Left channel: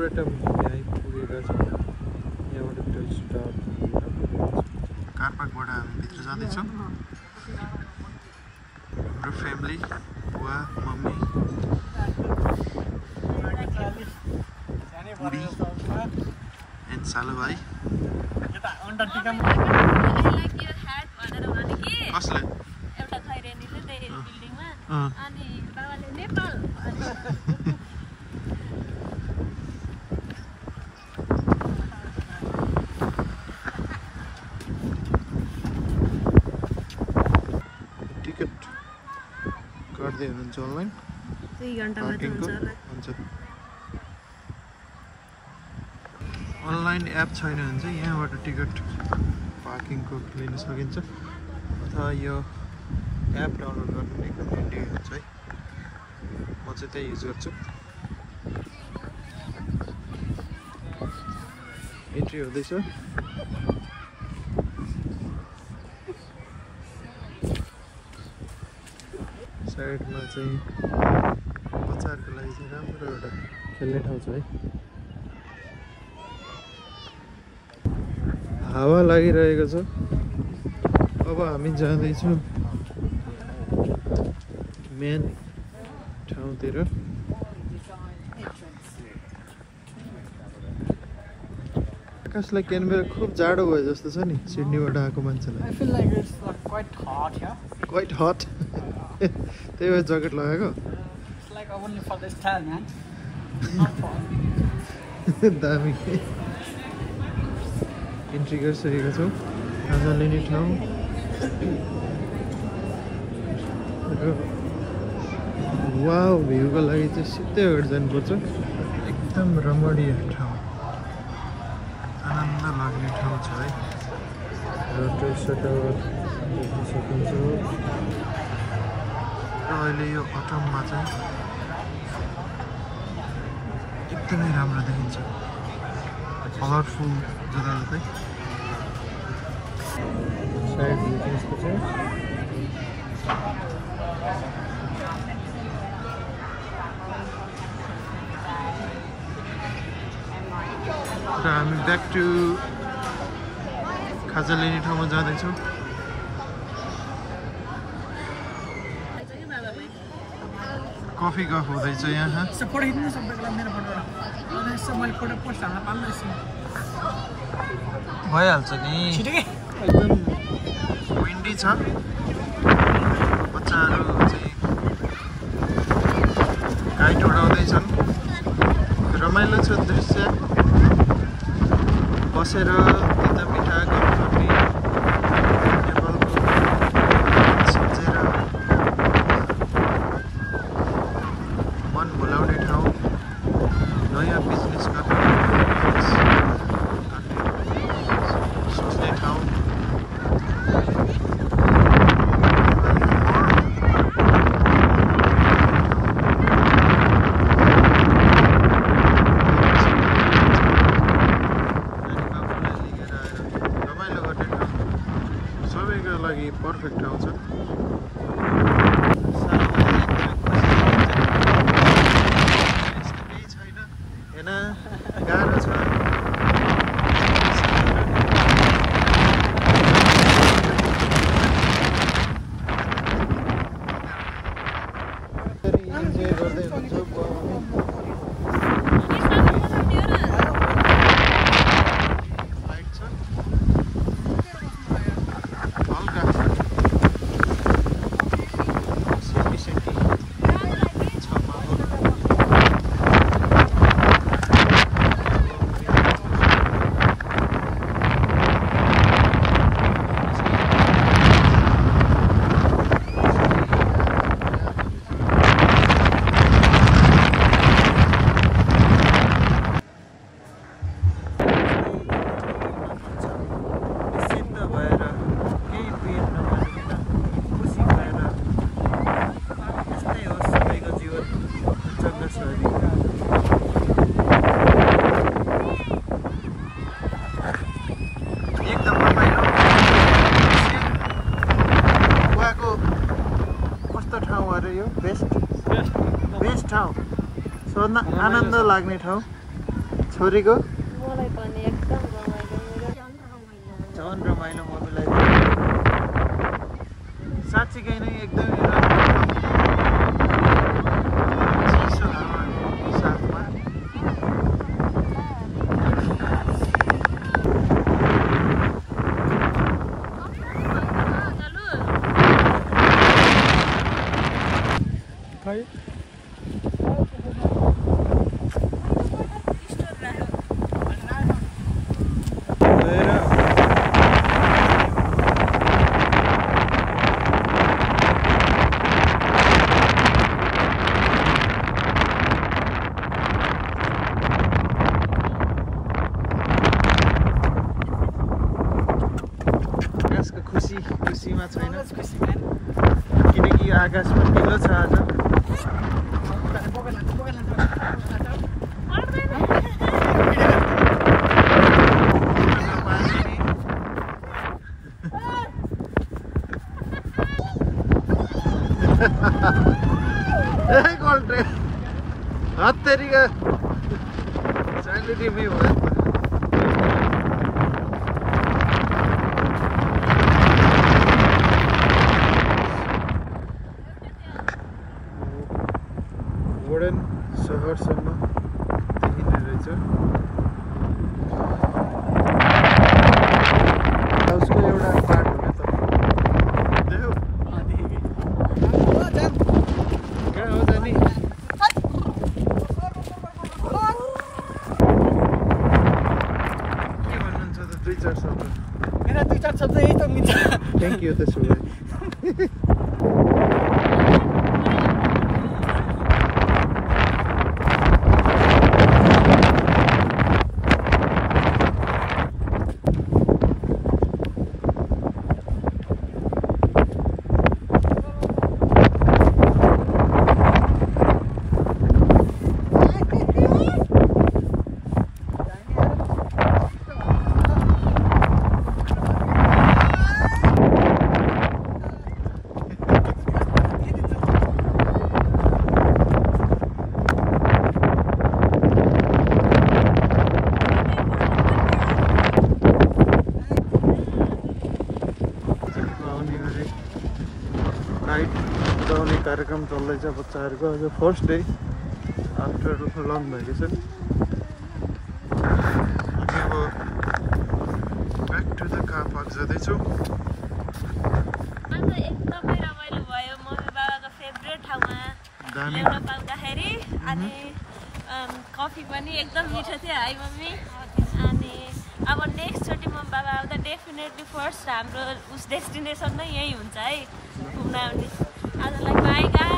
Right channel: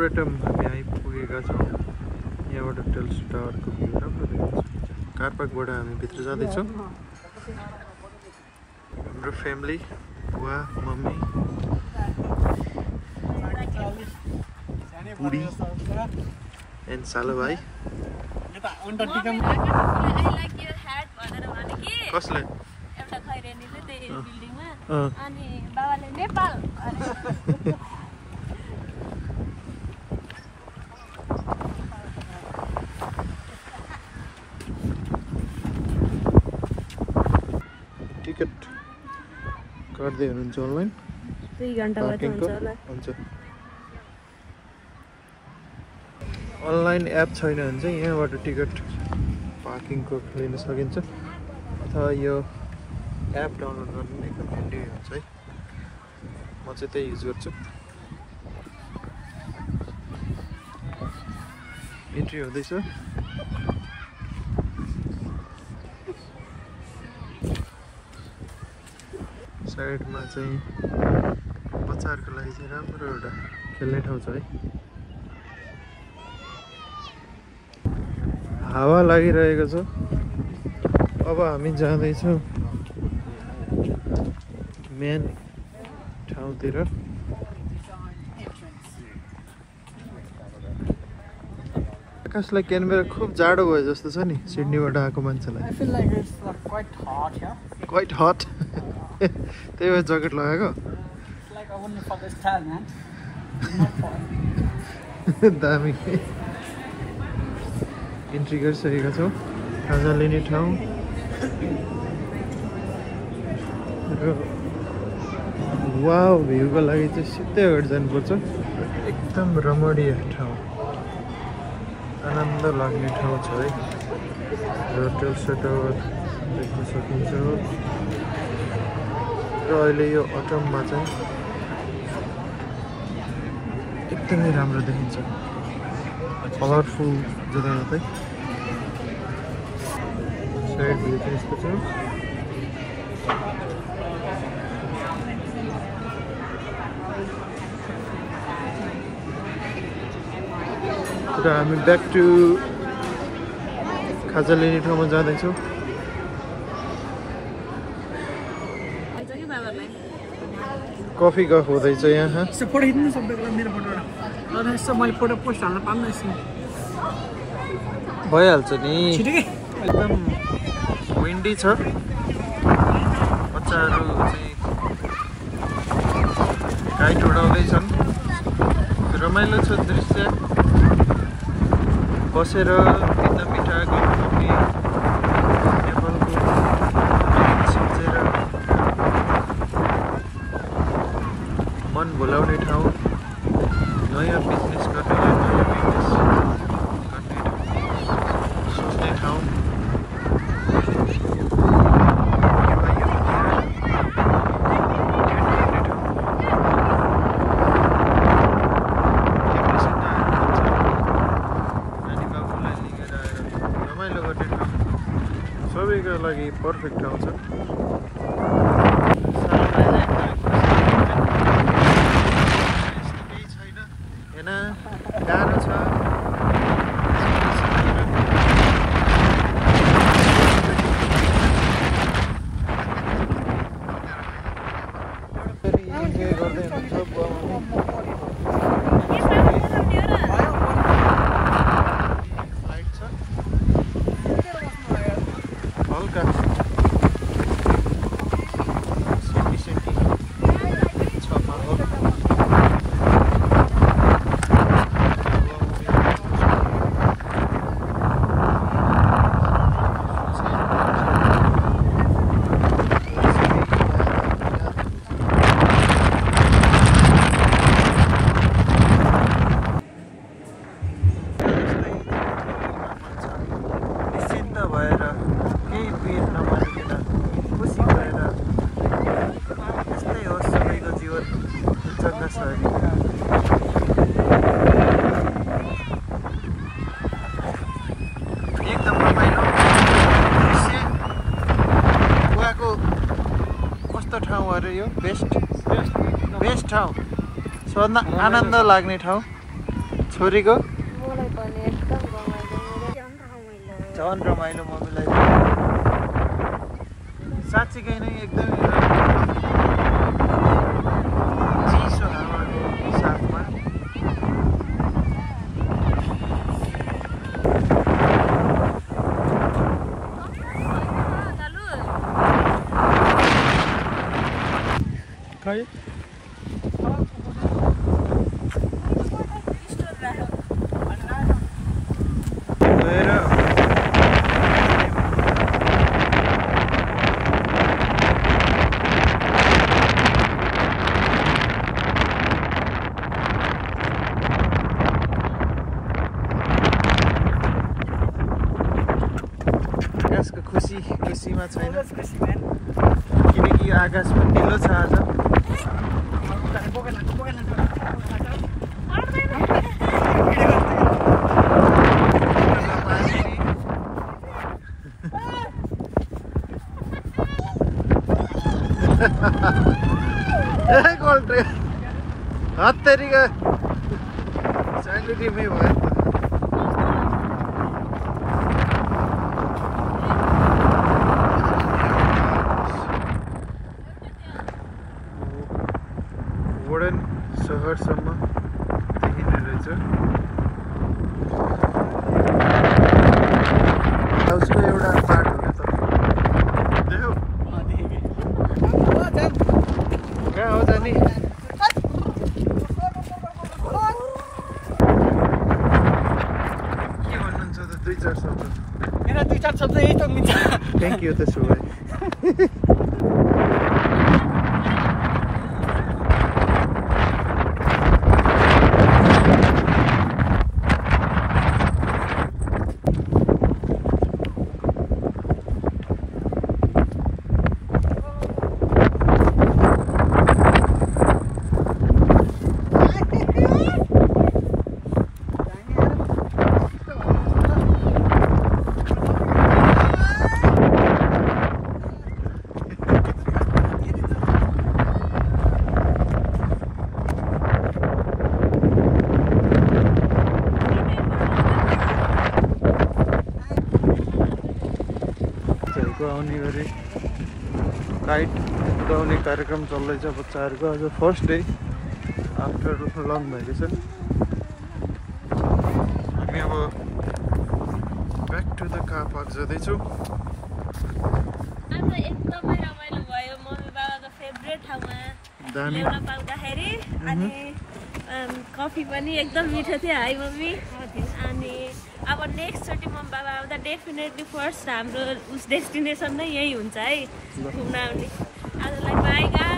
Arboretum हामी आइपुगेका छौँ। यहाँबाट टेल्सो टावरको भ्यू राम्रो देखिन्छ। कार पार्कबाट हामी भित्र जाँदैछौँ। हाम्रो फ्यामिली, बुवा, मम्मी, बुढी एन्ड सालो भाइ। कसले? टिकट काट्दै हुनुहुन्छ अनलाइन? 2 घण्टा बाद हुन्छ होला। हुन्छ। अनलाइन एप छैन भने चाहिँ यहाँबाट टिकट पार्किङको लिन सकिन्छ अथवा यो एप डाउनलोड गर्नु नै एकदम ह्यान्डी हुन्छ है। म चाहिँ त्यही युज गर्छु। इन्ट्री हुँदैछ। साइडमा चाहिँ बच्चाहरूको लागि चाहिँ राम्रो एउटा खेल्ने ठाउँ छ है। हावा लागिरहेको छ। अब हामी जाँदैछौँ मेन ठाउँतिर। आकाशलाई क्यानबेरा खुब जाडो भयो जस्तो छ नि सिडनीबाट आएको मान्छेलाई। Quite hot. त्यही भएर ज्याकेट लगाएको। दामी। इन्ट्री गरिसकेका छौँ। खाजा लिने ठाउँ र वाउ भ्यूको लागि चाहिँ सिधै अगाडि जानुपर्छ। एकदम रमणीय ठाउँ, आनन्द लाग्ने ठाउँ छ है। र टेल्सो टावर देख्न सकिन्छ। र अहिले यो अटममा चाहिँ एकदमै राम्रो देखिन्छ। कलरफुल जताततै। साइड भ्यू चाहिँ यस्तो छ। र हामी ब्याक टु खाजा लिने ठाउँमा जाँदैछौँ। कफी गफ हुँदैछ यहाँ। भइहाल्छ नि। एकदम विन्डी छ। बच्चाहरू चाहिँ काइट उडाउँदैछन्। रमाइलो छ दृश्य। बसेर तिता मिठा गफ गर्ने, नेपालको सम्झेर मन भुलाउने ठाउँ, नयाँ बिजनेस गर्ने सोच्ने ठाउँ। सबैको लागि पर्फेक्ट ठाउँ छ। केही छैन होइन, गाह्रो छ। इन्जोय गर्दै हुनुहुन्छ एकदम रमाइलो। गोवाको कस्तो ठाउँ अरे यो? बेस्ट ठाउँ, सबभन्दा आनन्द लाग्ने ठाउँ। छोरीको मलाई पनि एकदम रमाइलो झन् रमाइलो मम्मीलाई साँच्चीकै नै एकदमै राम्रो चिसो हावा साथमा खै आकाशको खुसीमा छैन किनकि आकाशमा ढिलो छ आज गोल्टे हत्तेरीका साइडले टिमै भयो सहरसम्म देखिने रहेछ उसको एउटा पार्ट हो क्या देखौ कहाँ हो जाने के भन्नुहुन्छ त 2-4 शब्द मेरा 2-4 शब्द यही त मिल्छ थ्याङ्क यू त्यसो भए आउने गरी काइट उडाउने कार्यक्रम चल्दैछ बच्चाहरूको आज first day after long vacation हामी अब back to the car park जाँदैछौँ आज एकदमै रमाइलो भयो मम्मी बाबाको फेभरेट ठाउँमा दामी ल्याउन पाउँदाखेरि अनि कफी पनि एकदम मिठो थियो है मम्मी अनि अब नेक्स्ट चोटि मम्मी बाबा आउँदा डेफिनेटली फर्स्ट हाम्रो उस डेस्टिनेसन नै यही हुन्छ है घुम्न आउने आजलाई बाई गाइस